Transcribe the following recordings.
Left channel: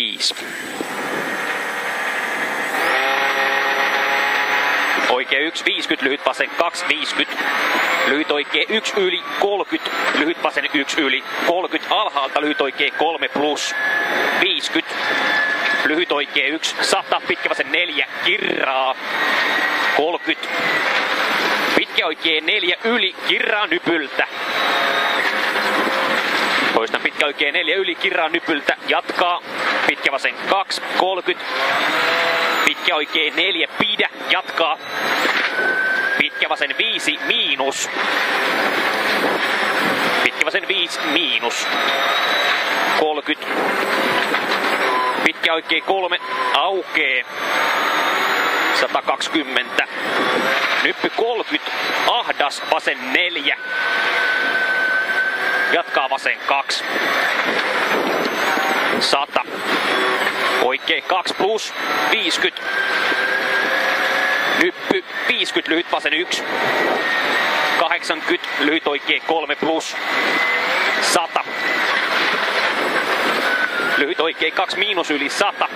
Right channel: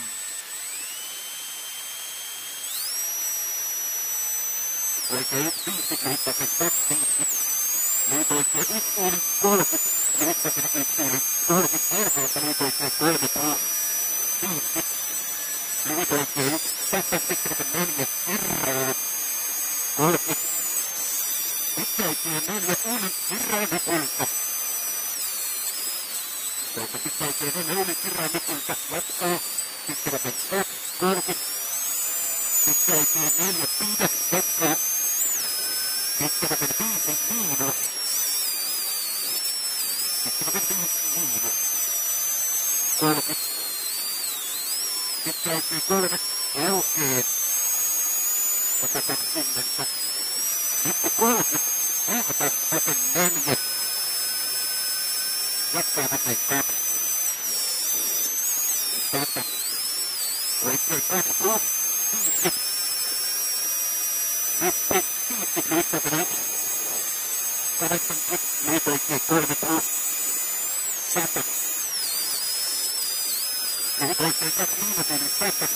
5. Oikee 1, 50, lyhyt vasen 2, 50. Lyhyt oikee 1 yli, 30. Lyhyt vasen 1 yli, 30. Alhaalta lyhyt oikee 3 plus, 50. Lyhyt oikee 1, 100. Pitkä vasen 4, kirraa, 30. Pitkä oikee 4 yli, kirraa nypyltä. Toistan pitkä oikee 4 yli, kirraa nypyltä, jatkaa. Pitkä vasen 2, 30. Pitkä oikee 4, pidä, jatkaa. Pitkä vasen 5, miinus. Pitkä vasen 5, miinus. 30. Pitkä oikee 3, aukee. 120. Nyppy 30, ahdas, vasen 4. Jatkaa vasen 2. 100. Oikee 2 plus, 50. Nyppy 50, lyhyt vasen 1. 80, lyhyt oikee 3 plus, 100. Lyhyt oikee 2 miinus yli 100.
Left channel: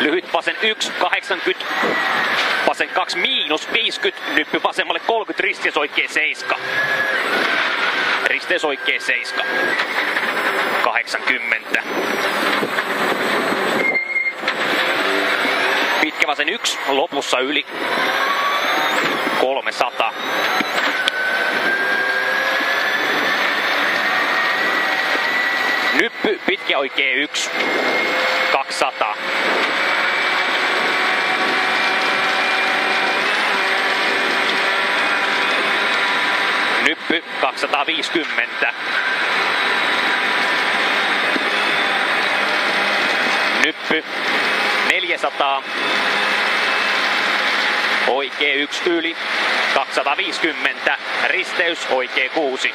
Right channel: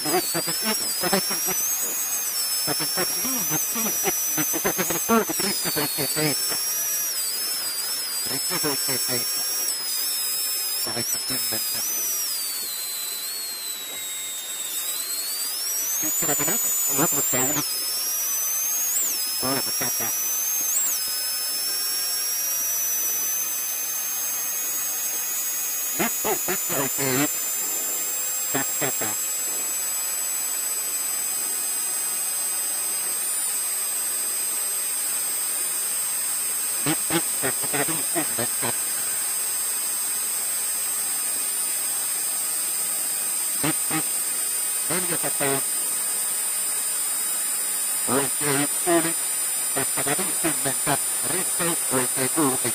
Lyhyt vasen 1, 80. Vasen 2 miinus 50. Nyppy vasemmalle 30, risteys oikee 7. Risteys oikee 7. 80. Pitkä vasen 1, lopussa yli. 300. Nyppy, pitkä oikee 1. 200. Nyppy 250. Nyppy 400. Oikee 1 yli 250. Risteys oikee 6.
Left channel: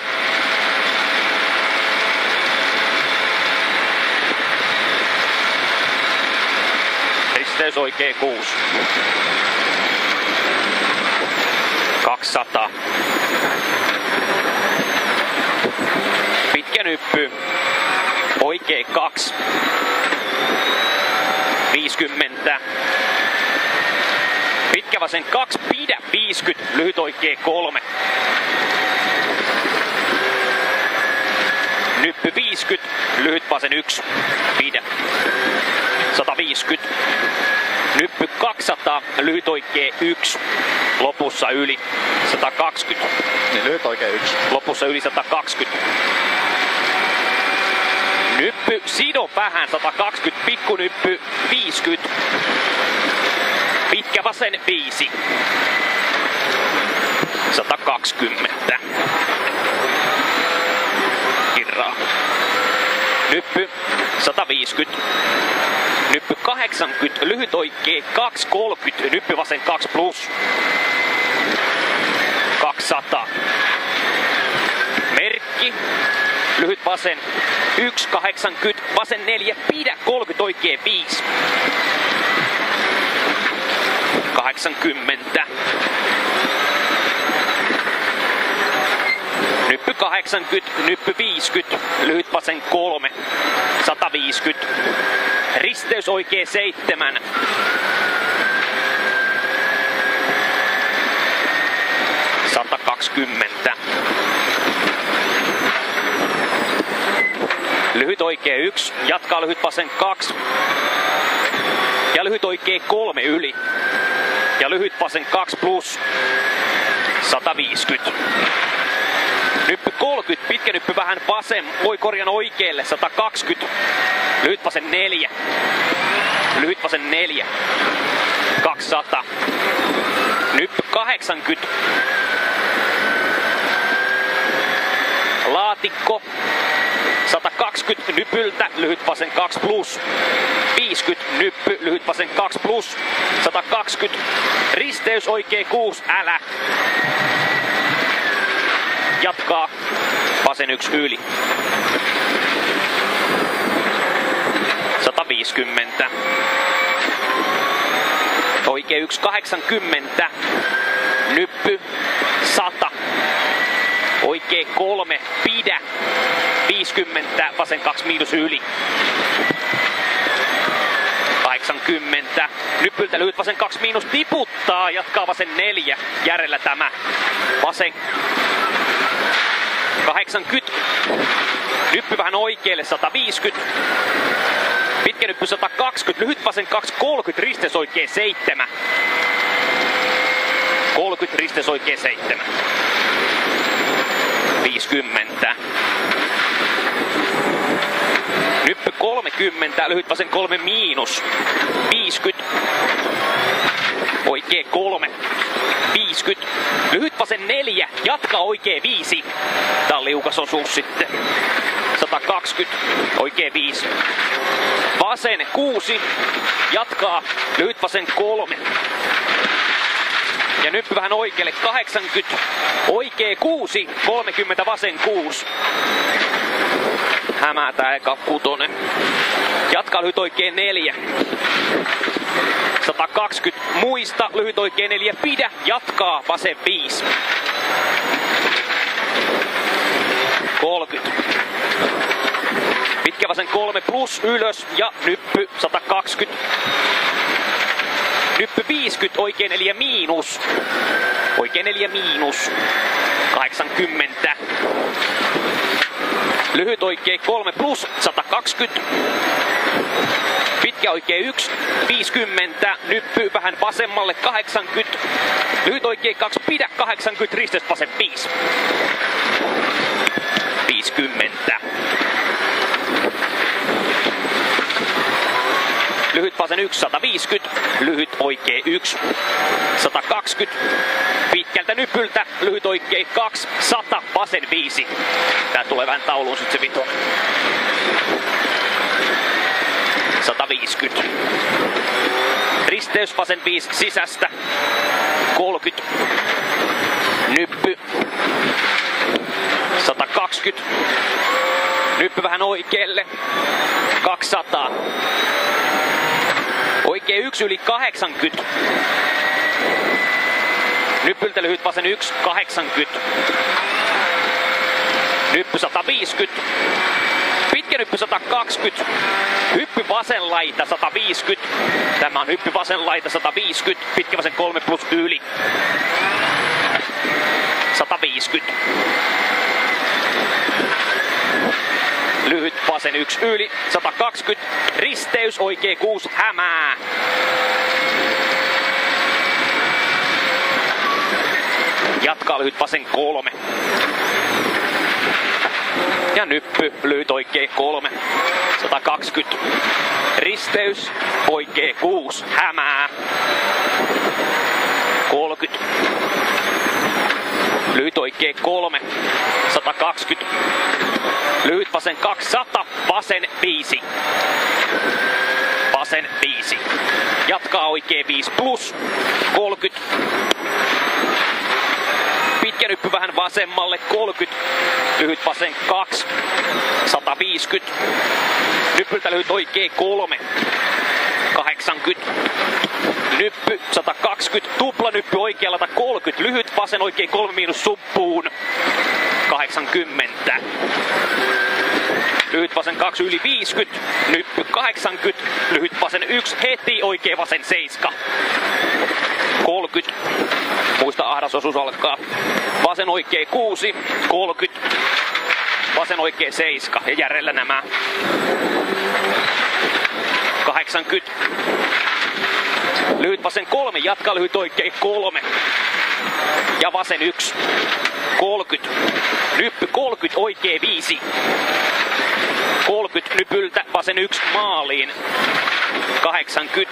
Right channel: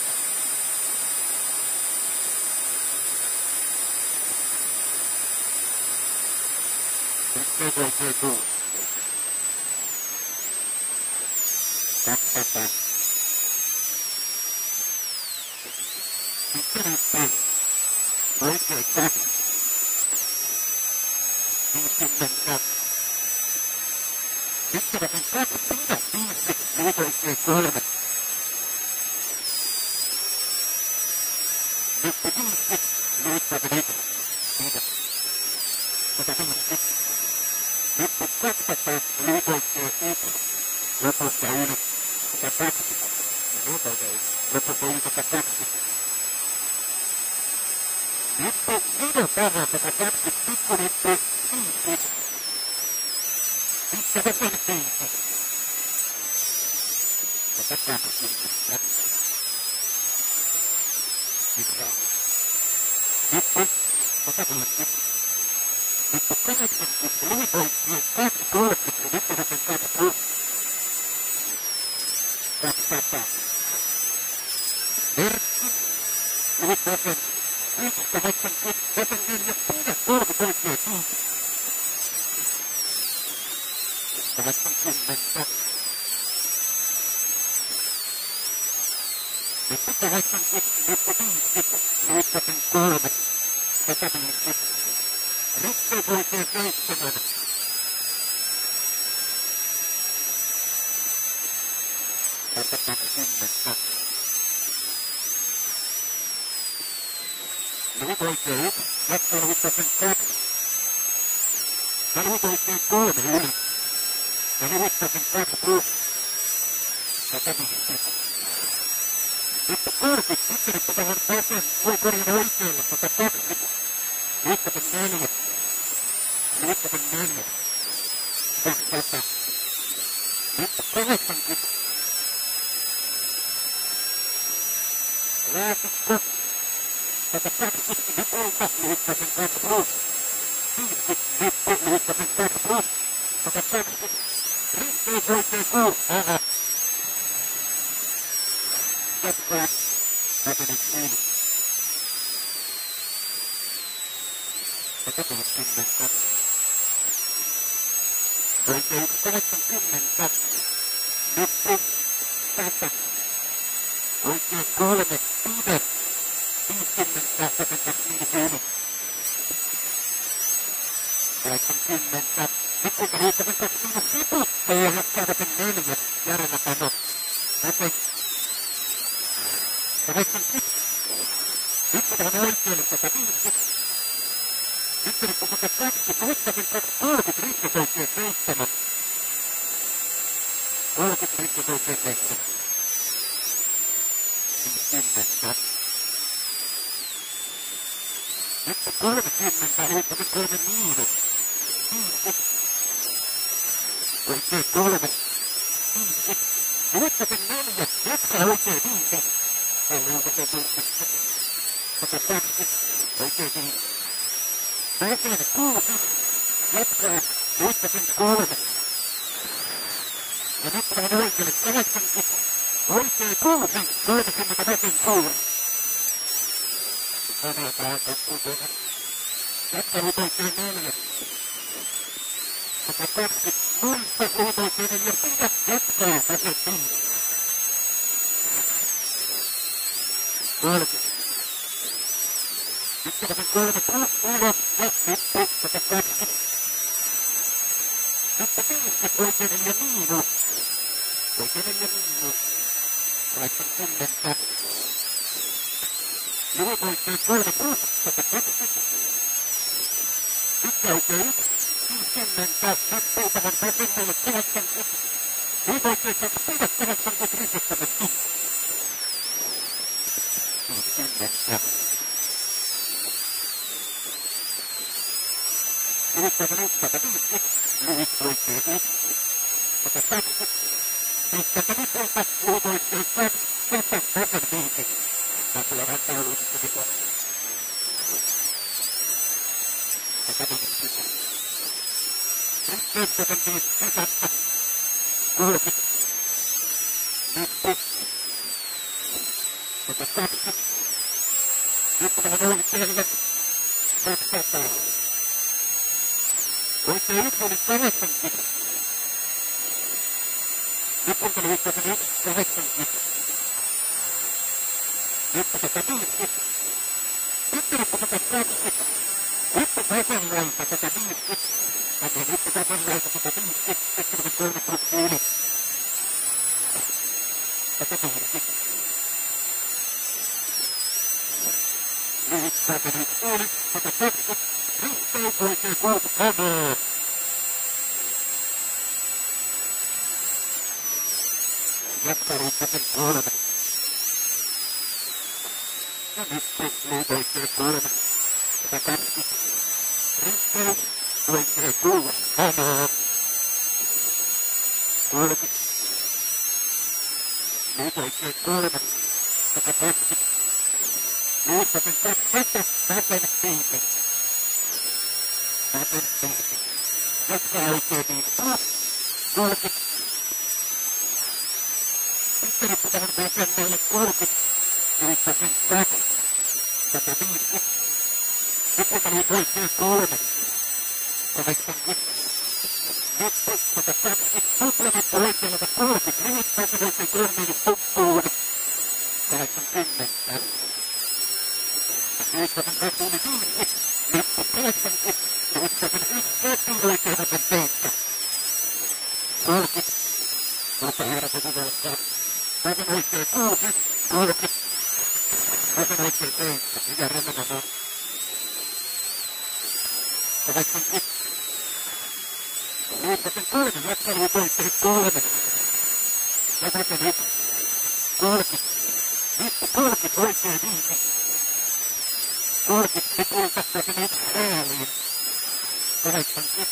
Risteys oikee 6. 200. Pitkä nyppy. Oikee 2. 50. Pitkä vasen 2, pidä 50, lyhyt oikee 3. Nyppy 50, lyhyt vasen 1, pidä. 150. Nyppy 200, lyhyt oikee 1, lopussa yli 120. Niin lyhyt oikee 1. Lopussa yli 120. Nyppy, sido vähän 120, pikkunyppy 50. Pitkä vasen 5. 120. Kirraa. Nyppy 150. Nyppy 80. Lyhyt oikee 2, 30. Nyppy vasen 2 plus. 200. Merkki. Lyhyt vasen 1, 80. Vasen 4. Pidä 30 oikee 5. 80. Nyppy 80, nyppy 50, lyhyt vasen 3, 150. Risteys oikee 7. 120. Lyhyt oikee 1, jatkaa lyhyt vasen 2. Ja lyhyt oikee 3 yli. Ja lyhyt vasen 2 plus. 150. Nyppy 30, pitkä nyppy vähän vasen, korjan oikealle, 120. Lyhyt vasen 4. Lyhyt vasen 4. 200. Nyppy 80. Laatikko. 120 nypyltä, lyhyt vasen 2 plus. 50 nyppy, lyhyt vasen 2 plus. 120. Risteys oikee 6, älä. Jatkaa. Vasen 1 yli. 150. Oikee 1, 80. Nyppy. 100. Oikee 3, pidä. 50, vasen 2 miinus yli. 80. Nyppyltä lyhyt vasen 2 miinus tiputtaa. Jatkaa vasen 4. Järellä tämä. Vasen 80. Nyppy vähän oikealle 150. Pitkä nyppy 120. Lyhyt vasen 2 30. Risteys oikein 7. 30 risteys oikein 7. 50. Nyppy 30, lyhyt vasen 3 miinus. 50. Oikein 3. 50. Lyhyt vasen 4, jatkaa oikein 5. Tää on liukas osuus sitten. 120, oikein 5. Vasen 6, jatkaa, lyhyt vasen 3. Ja nyppy vähän oikealle 80, oikee 6, 30 vasen 6. Hämätää eka 6. Jatkaa lyhyt oikee 4. 120, muista, lyhyt oikee 4, pidä, jatkaa vasen 5. 30. Pitkä vasen 3 plus ylös ja nyppy 120. Nyppy 50, oikein 4 miinus. Oikein 4 miinus. 80. Lyhyt oikein 3 plus 120. Pitkä oikein 1, 50. Nyppy vähän vasemmalle 80. Lyhyt oikein 2, pidä 80. Risteys vasen 5. 50. Lyhyt vasen 1, 150. Lyhyt oikee 1, 120. Pitkältä nypyltä, lyhyt oikee 2, 100, vasen 5. Tää tulee vähän tauluun sit se vitonen. 150. Risteys vasen 5 sisästä. 30. Nyppy. 120. Nyppy vähän oikealle. 200. Oikein 1 yli 80. Nyppyltä lyhyt vasen 1, 80. Nyppy 150. Pitkä nyppy 120. Hyppy vasen laita 150. Tämä on hyppy vasen laita 150. Pitkä vasen 3 plus yli. 150. Lyhyt vasen 1 yli. 120. Risteys oikee 6 hämää. Jatkaa lyhyt vasen 3. Ja nyppy lyhyt oikee 3. 120. Risteys oikee 6 hämää. 30. Lyhyt oikee 3. 120. Lyhyt vasen 200. Vasen 5. Vasen 5. Jatkaa oikee 5 plus 30. Pitkä nyppy vähän vasemmalle 30. Lyhyt vasen 2. 150. Nyppyltä lyhyt oikee 3. 80. Nyppy 120. Tupla nyppy oikealla 30. Lyhyt vasen oikee 3 miinus suppuun. 80. Lyhyt vasen 2 yli 50. Nyppy 80. Lyhyt vasen 1 heti oikee vasen 7. 30. Muista ahdas osuus alkaa. Vasen oikee 6. 30. Vasen oikee 7. Ja järjellä nämä. 80. Lyhyt vasen 3. Jatka lyhyt oikee 3. Ja vasen 1. 30. Nyppy 30. Oikee 5. 30 nypyltä vasen 1 maaliin. 80.